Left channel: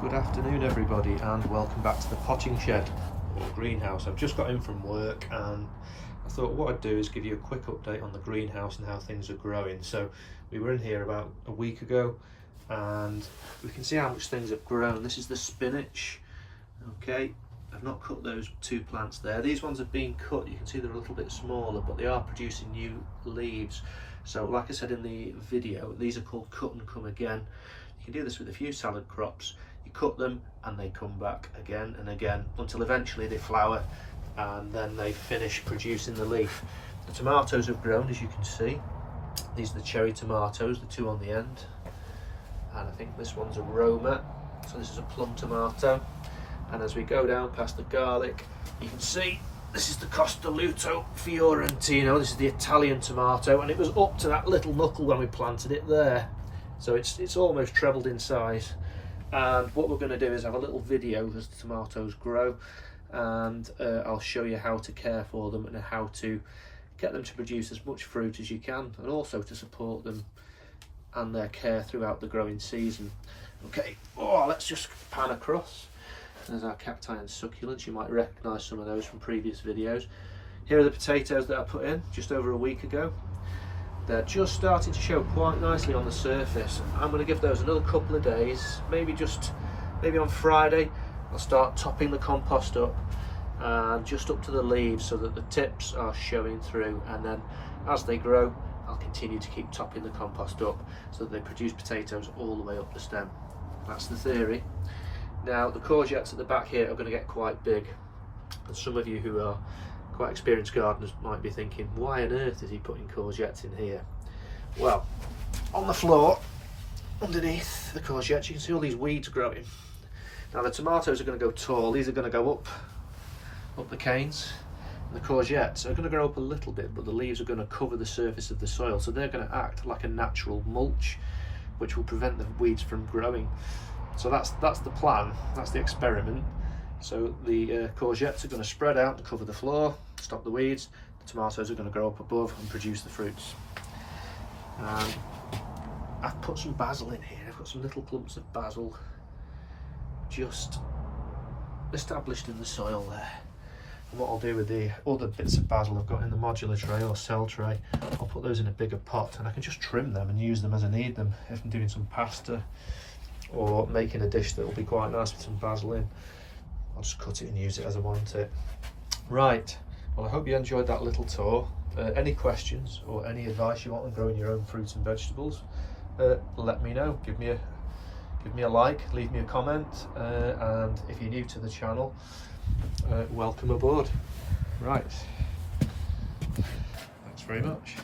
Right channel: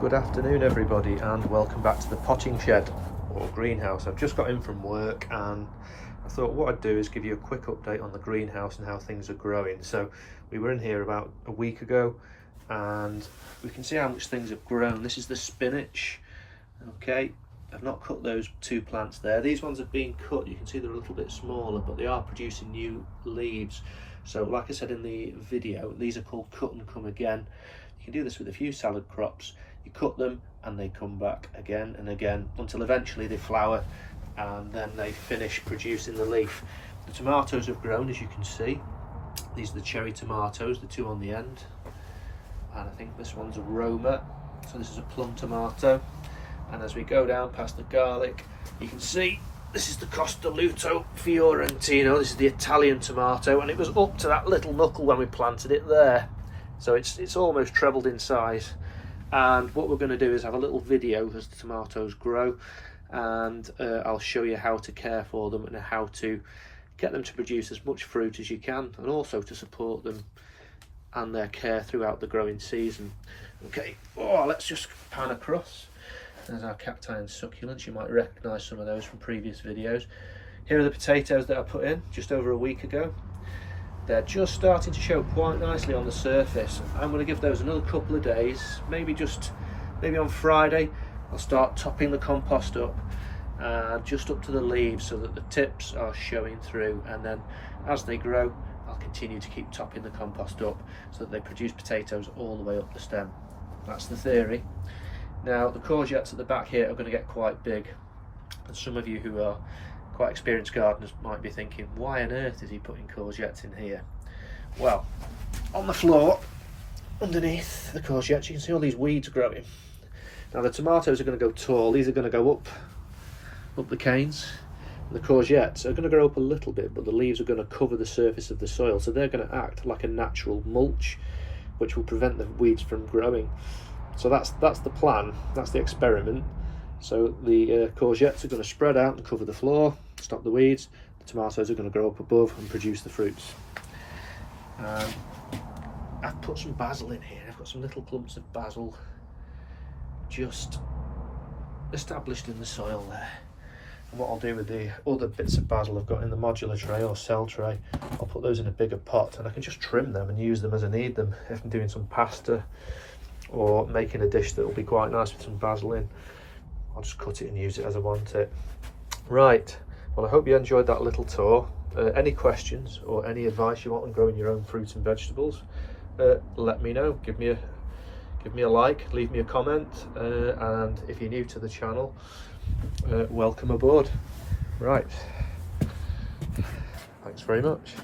Good afternoon everybody and welcome back to the potting shed or greenhouse. I've just got in from work and I thought what I'd do is give you a quick update on the greenhouse and how things are growing. So we were in here about a week ago and we can see how much things have grown. This is the spinach. Okay, I've not cut those two plants there. These ones have been cut. You can see they're a little bit smaller, but they are producing new leaves. So like I said in the video, these are called cut and come again. You can do this with a few salad crops. You cut them and they come back again and again until eventually they flower and then they finish producing the leaf. The tomatoes have grown, as you can see. These are the cherry tomatoes, the two on the end. And I think this one's a Roma. So this is a plum tomato. And as we go down past the garlic, you can see this is the Costa Luto Fiorentino. This is the Italian tomato, and it was up to that little knuckle when we planted it there. So it's almost trebled in size. And what we're going to do is have a little video as the tomatoes grow, and I'll show you how to care for them and how to get them to produce as much fruit as you can, and also to support them and their care throughout the growing season. Okay, let's just pan across. There's our cacti and succulents. You might recognise some of those from previous videos. Here are the potatoes that I put in just over a week ago. They're just starting to show quite nicely on the surface. I'm going to give those another couple of days, maybe on Friday I'll start topping the compost up and just up to the leaves so that the tips are showing through, and then as they grow I'll continue to keep topping the compost up so that they produce potatoes all the way up the stem. That's the theory. Now the courgettes at the back here are going to get quite big, and some of you who are quite experienced gardeners might be thinking, why on earth is he putting courgettes in here? Well, on the floor underneath the courgettes you can see all these weeds growing. Now the tomatoes are going to go tall, these are going to go up the canes, and the courgettes are going to grow up a little bit, but the leaves are going to cover the surface of the soil, so they're going to act like a natural mulch which will prevent the weeds from growing. So that's the plan, that's the experiment. So the courgettes are going to spread out and cover the floor, stop the weeds. The tomatoes are going to grow up above and produce the fruits. I've put some basil in here. I've got some little clumps of basil just established in the soil there. And what I'll do with the other bits of basil I've got in the modular tray or cell tray, I'll put those in a bigger pot and I can just trim them and use them as I need them. If I'm doing some pasta or making a dish that will be quite nice with some basil in, I'll just cut it and use it as I want it. Right, well I hope you enjoyed that little tour. Any questions or any advice you want on growing your own fruits and vegetables, let me know. Give me a like, leave me a comment, and if you're new to the channel, welcome aboard. Right, thanks very much.